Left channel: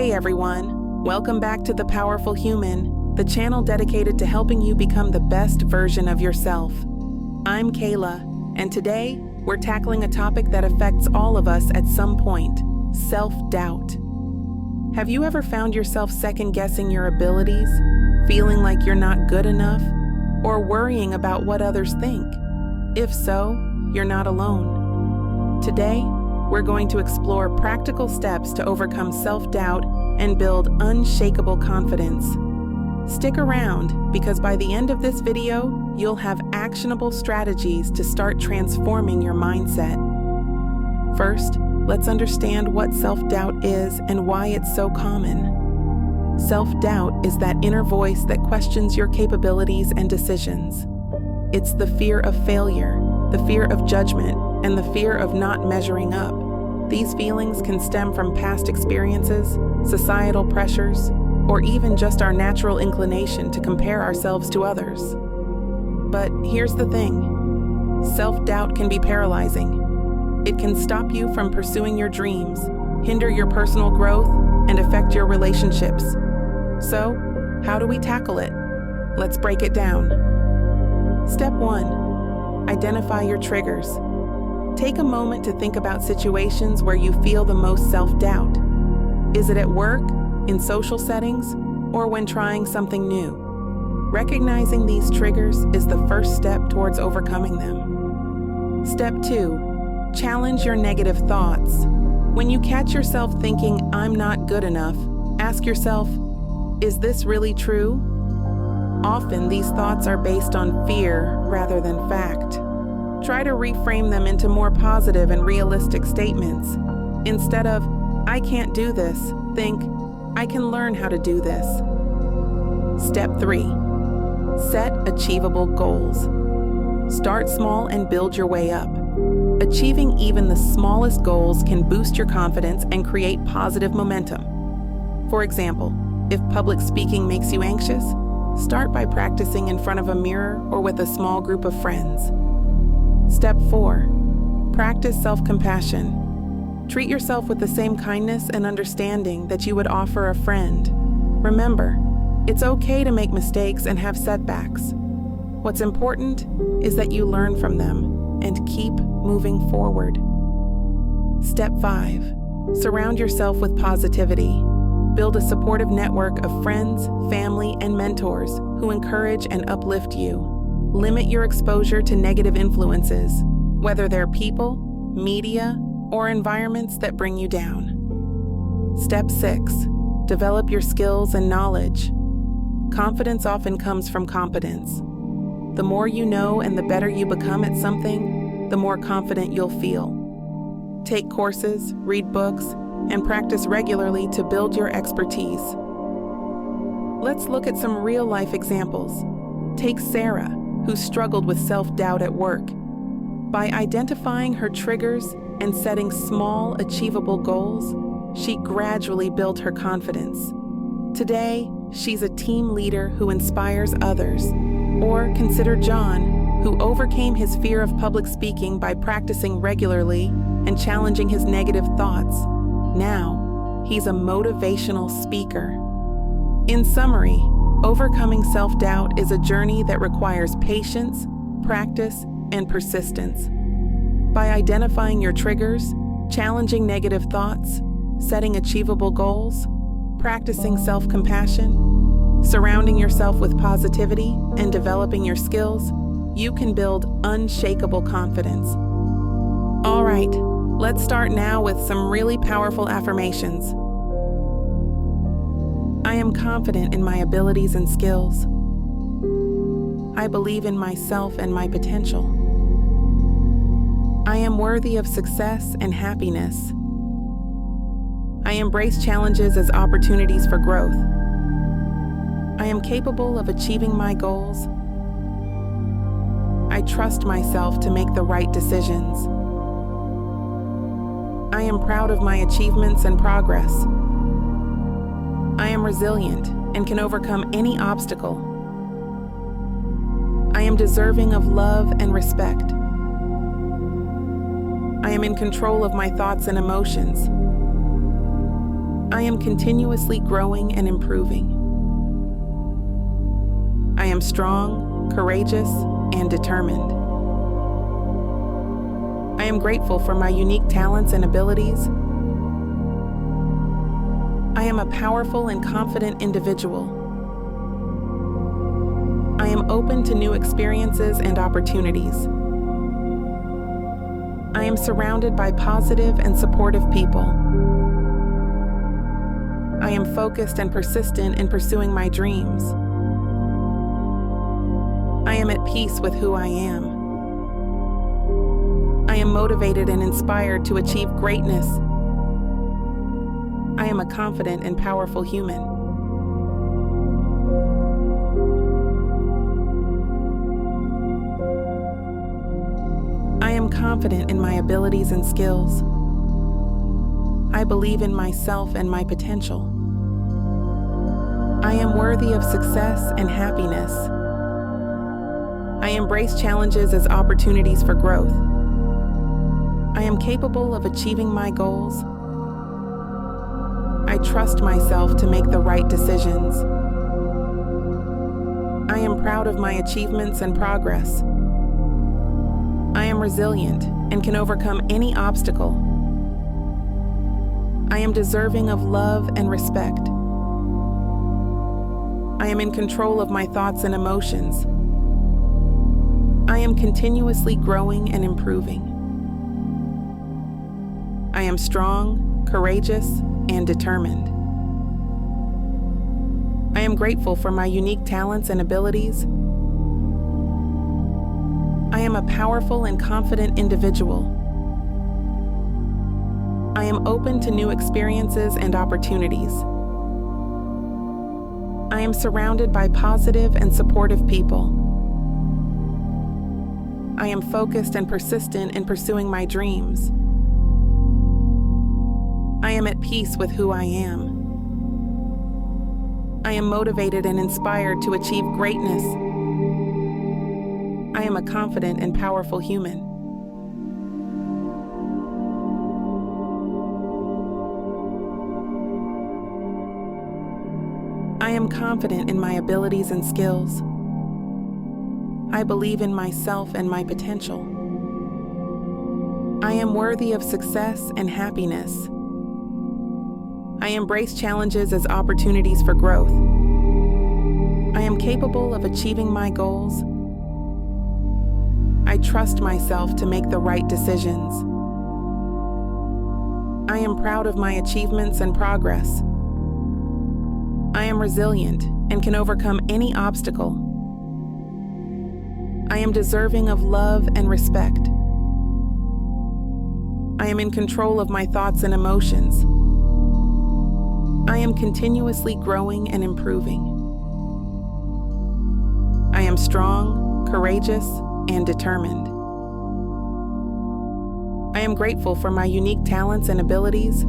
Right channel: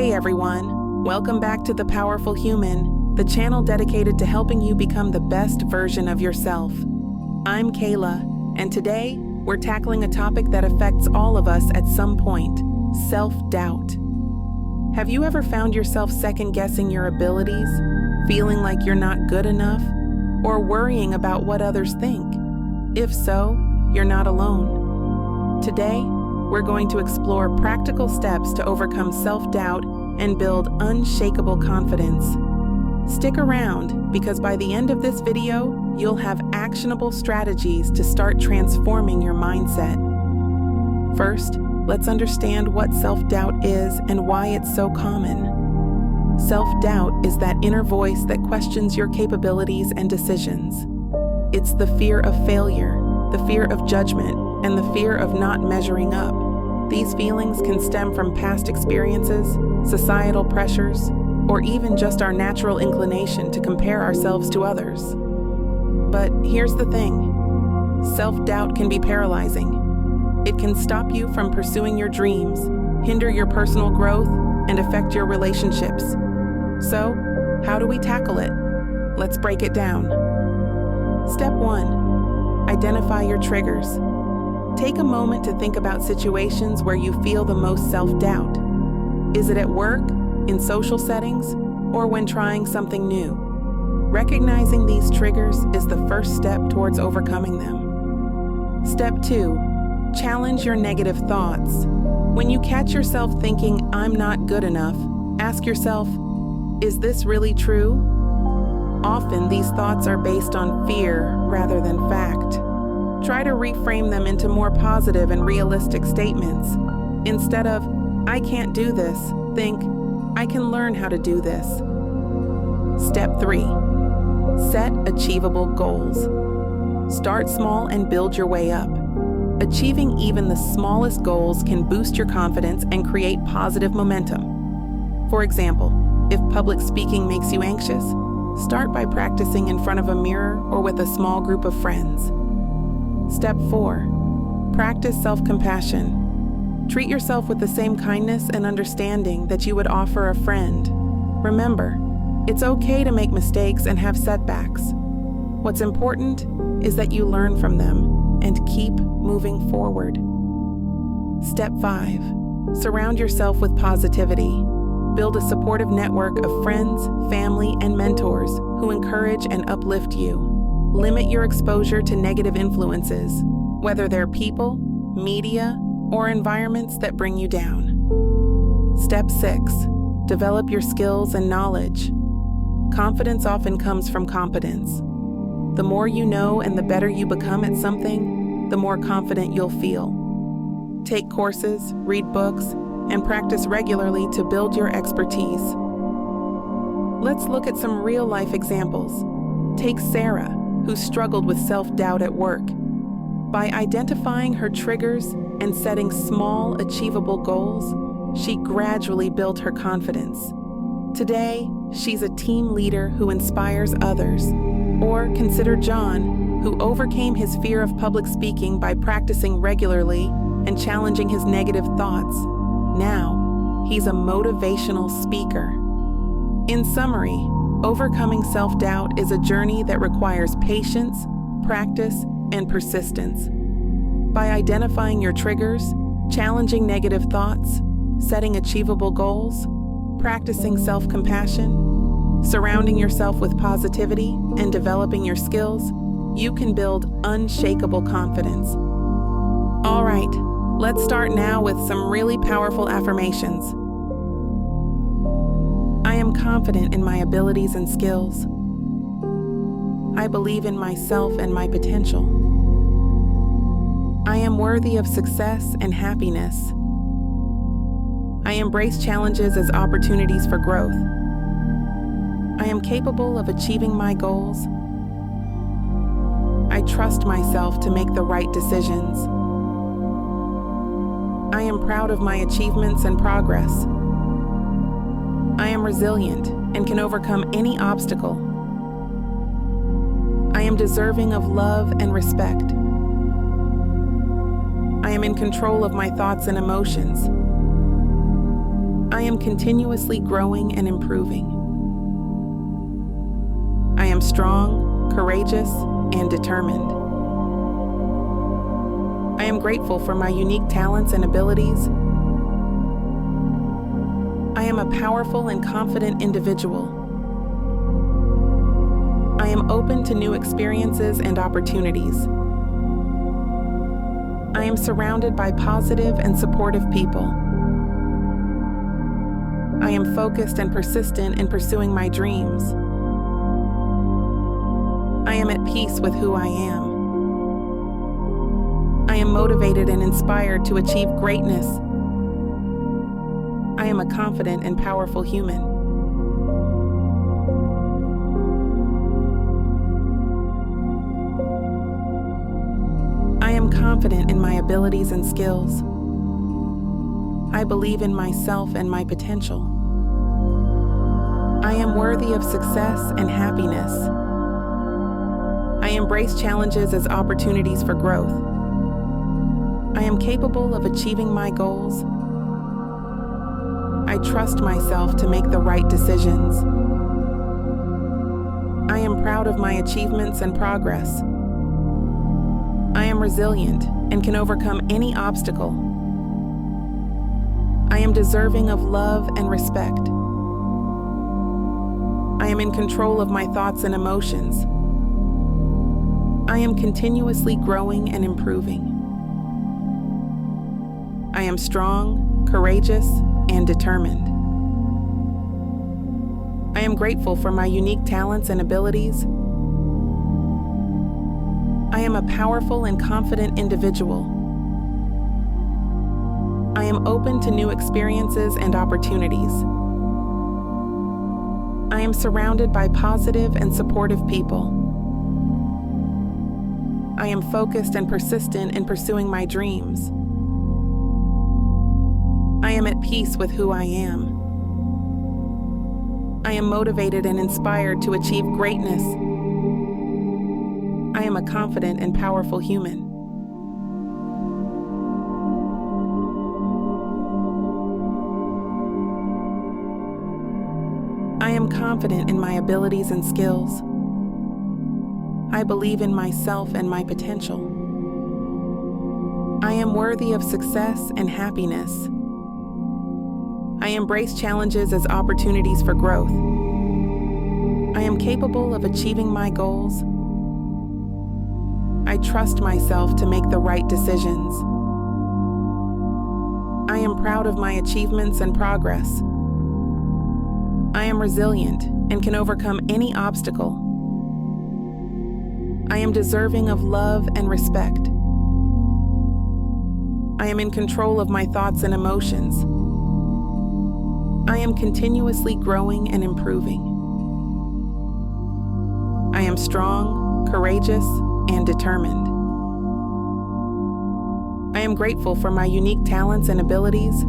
Hey everyone, welcome back to The Powerful Human, the channel dedicated to helping you become the best version of yourself. I'm Kayla, and today we're tackling a topic that affects all of us at some point: self-doubt. Have you ever found yourself second-guessing your abilities, feeling like you're not good enough, or worrying about what others think? If so, you're not alone. Today, we're going to explore practical steps to overcome self-doubt and build unshakable confidence. Stick around, because by the end of this video, you'll have actionable strategies to start transforming your mindset. First, let's understand what self-doubt is and why it's so common. Self-doubt is that inner voice that questions your capabilities and decisions. It's the fear of failure, the fear of judgment, and the fear of not measuring up. These feelings can stem from past experiences, societal pressures, or even just our natural inclination to compare ourselves to others. But here's the thing: self-doubt can be paralyzing. It can stop you from pursuing your dreams, hinder your personal growth, and affect your relationships. So, how do we tackle it? Let's break it down. Step 1. Identify your triggers. Take a moment to think about situations where you feel the most self-doubt. Is it at work, in social settings, or when trying something new? Recognizing these triggers is the first step towards overcoming them. Step 2. Challenge your negative thoughts. When you catch yourself thinking, "I'm not good enough," ask yourself, is this really true? Often these thoughts are based on fear rather than fact. Try to reframe them into more positive and realistic statements. Instead of, "I can't do this," think, "I can learn how to do this." Step 3. Set achievable goals. Start small and build your way up. Achieving even the smallest goals can boost your confidence and create positive momentum. For example, if public speaking makes you anxious, start by practicing in front of a mirror or with a small group of friends. Step 4. Practice self-compassion. Treat yourself with the same kindness and understanding that you would offer a friend. Remember, it's okay to make mistakes and have setbacks. What's important is that you learn from them and keep moving forward. Step 5. Surround yourself with positivity. Build a supportive network of friends, family, and mentors who encourage and uplift you. Limit your exposure to negative influences, whether they're people, media, or environments that bring you down. Step 6. Develop your skills and knowledge. Confidence often comes from competence. The more you know and the better you become at something, the more confident you'll feel. Take courses, read books, and practice regularly to build your expertise. Let's look at some real-life examples. Take Sarah, who struggled with self-doubt at work. By identifying her triggers and setting small, achievable goals, she gradually built her confidence. Today, she's a team leader who inspires others. Or consider John, who overcame his fear of public speaking by practicing regularly and challenging his negative thoughts. Now, he's a motivational speaker. In summary, overcoming self-doubt is a journey that requires patience, practice, and persistence. By identifying your triggers, challenging negative thoughts, setting achievable goals, practicing self-compassion, surrounding yourself with positivity, and developing your skills, you can build unshakable confidence. All right, let's start now with some really powerful affirmations. I am confident in my abilities and skills. I believe in myself and my potential. I am worthy of success and happiness. I embrace challenges as opportunities for growth. I am capable of achieving my goals. I trust myself to make the right decisions. I am proud of my achievements and progress. I am resilient and can overcome any obstacle. I am deserving of love and respect. I am in control of my thoughts and emotions. I am continuously growing and improving. I am strong, courageous, and determined. I am grateful for my unique talents and abilities. I am a powerful and confident individual. I am open to new experiences and opportunities. I am surrounded by positive and supportive people. I am focused and persistent in pursuing my dreams. I am at peace with who I am. I am motivated and inspired to achieve greatness. I am a confident and powerful human. I am confident in my abilities and skills. I believe in myself and my potential. I am worthy of success and happiness. I embrace challenges as opportunities for growth. I am capable of achieving my goals. I trust myself to make the right decisions. I am proud of my achievements and progress. I am resilient and can overcome any obstacle. I am deserving of love and respect. I am in control of my thoughts and emotions. I am continuously growing and improving. I am strong, courageous, and determined. I am grateful for my unique talents and abilities. I am a powerful and confident individual. I am open to new experiences and opportunities. I am surrounded by positive and supportive people. I am focused and persistent in pursuing my dreams. I am at peace with who I am. I am motivated and inspired to achieve greatness. I am a confident and powerful human. I am confident in my abilities and skills. I believe in myself and my potential. I am worthy of success and happiness. I embrace challenges as opportunities for growth. I am capable of achieving my goals. I trust myself to make the right decisions. I am proud of my achievements and progress. I am resilient and can overcome any obstacle. I am deserving of love and respect. I am in control of my thoughts and emotions. I am continuously growing and improving. I am strong, courageous, and determined. I am grateful for my unique talents and abilities.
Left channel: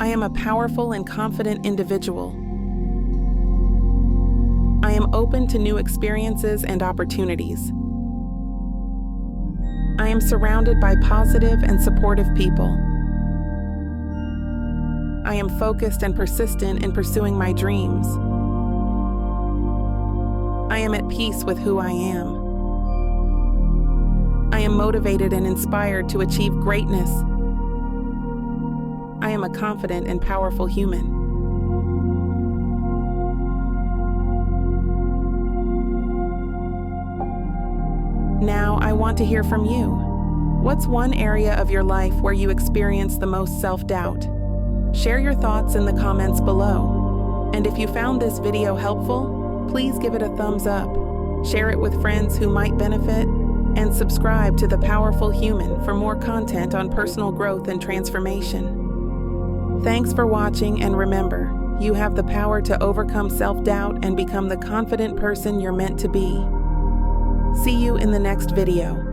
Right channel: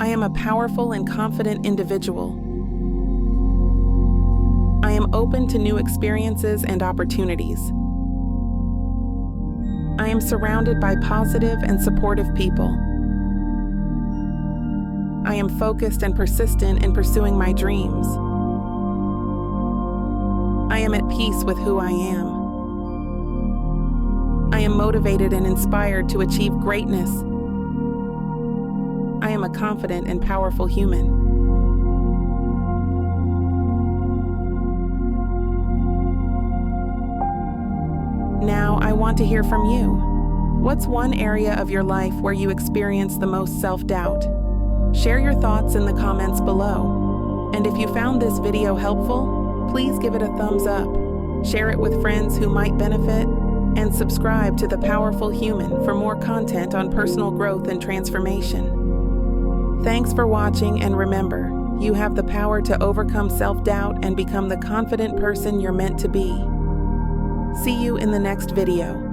I am a powerful and confident individual. I am open to new experiences and opportunities. I am surrounded by positive and supportive people. I am focused and persistent in pursuing my dreams. I am at peace with who I am. I am motivated and inspired to achieve greatness. I am a confident and powerful human. Now, I want to hear from you. What's one area of your life where you experience the most self-doubt? Share your thoughts in the comments below. And if you found this video helpful, please give it a thumbs up, share it with friends who might benefit, and subscribe to The Powerful Human for more content on personal growth and transformation. Thanks for watching, and remember, you have the power to overcome self-doubt and become the confident person you're meant to be. See you in the next video.